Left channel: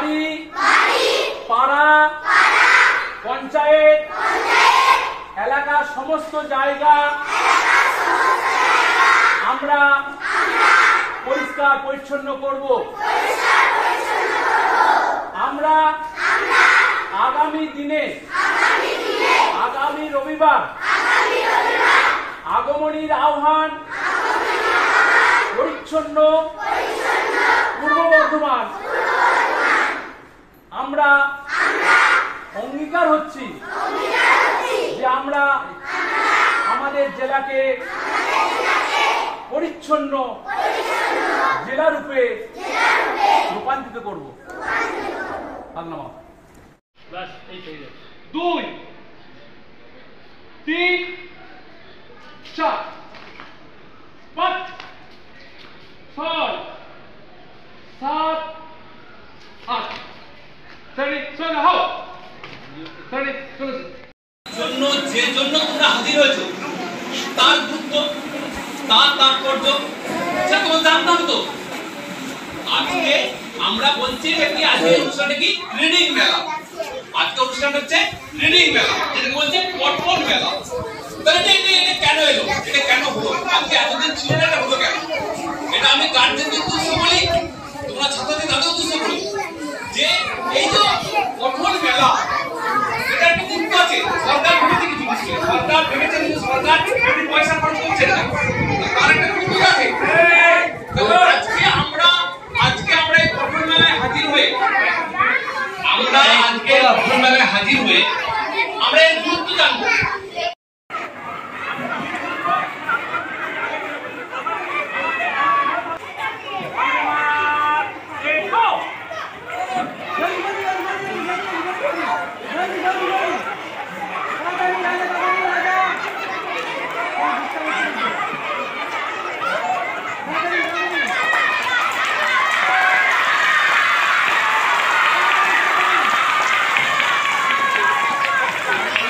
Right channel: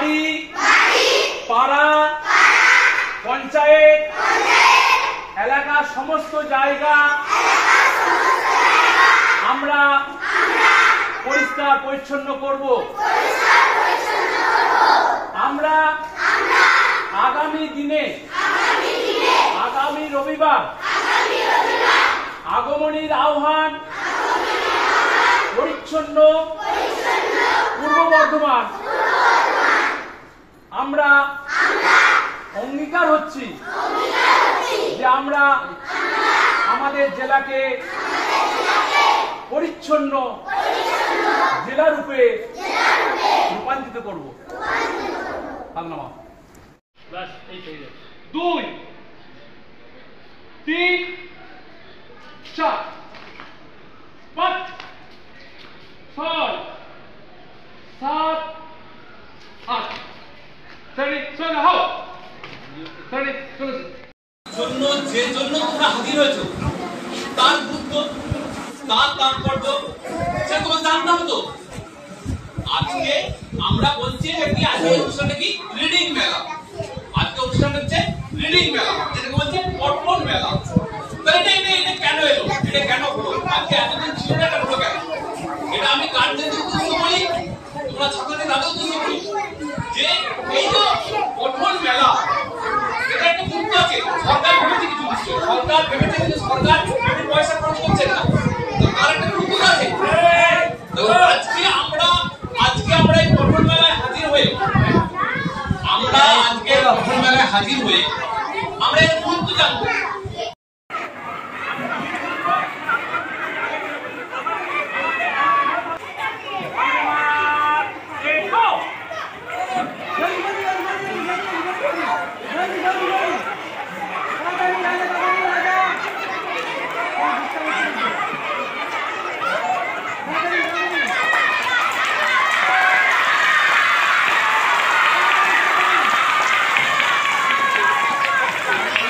বাড়ি, পাড়া, পঞ্চায়েত, এলাকার সমস্ত জায়গা আমরা পরিষ্কার পরিচ্ছন্ন করব। আমরা আগামী দিনে আগামী রবিবার আগমনীর আহ্বান পরিচ্ছন্ন পূর্ব বর্ধমান আমরা অঙ্গীকার হচ্ছি যে আমরা আমাদের জেলাকে পরিচ্ছন্ন জেলা রূপে রূপান্তরিত করব। 2 3 4 5 6 7 8 জন্য যে জন্য তোমরা হাজির হয়েছো তার গুরুত্ব, তার তাৎপর্য সেটা তোমার জানতে হবে তো। আজকে আমরা বলছি কি আজকে অনুষ্ঠানটা কি রিডিং মেলা। আজকে অনুষ্ঠানটা হচ্ছে রিডিং মেলা, যেটাকে বলছে পঠন মেলা। তাহলে এটা কেন এলো, এটা কেন হলো, আজকে এতদিন ছিল না, এটা হলো কেন? এটা আমি গার্জেনদের উদ্দেশ্যে বলি, তোমরা ছাত্রদের তাদের উদ্দেশ্যে বলি যে এই যে পঠন মেলা এটা একটা গুরুত্ব আছে। সরকার ভেবেছে কিছু দিচ্ছে, সরকার ভেবেছে কিন্তু সরকার বেশি পয়সা খরচ করছে না, তার একটা গুরুত্ব আছে। তো আজকে আমরা এই পঠন মেলায় হাজির হয়ে আমরা এর গুরুত্ব জানবো।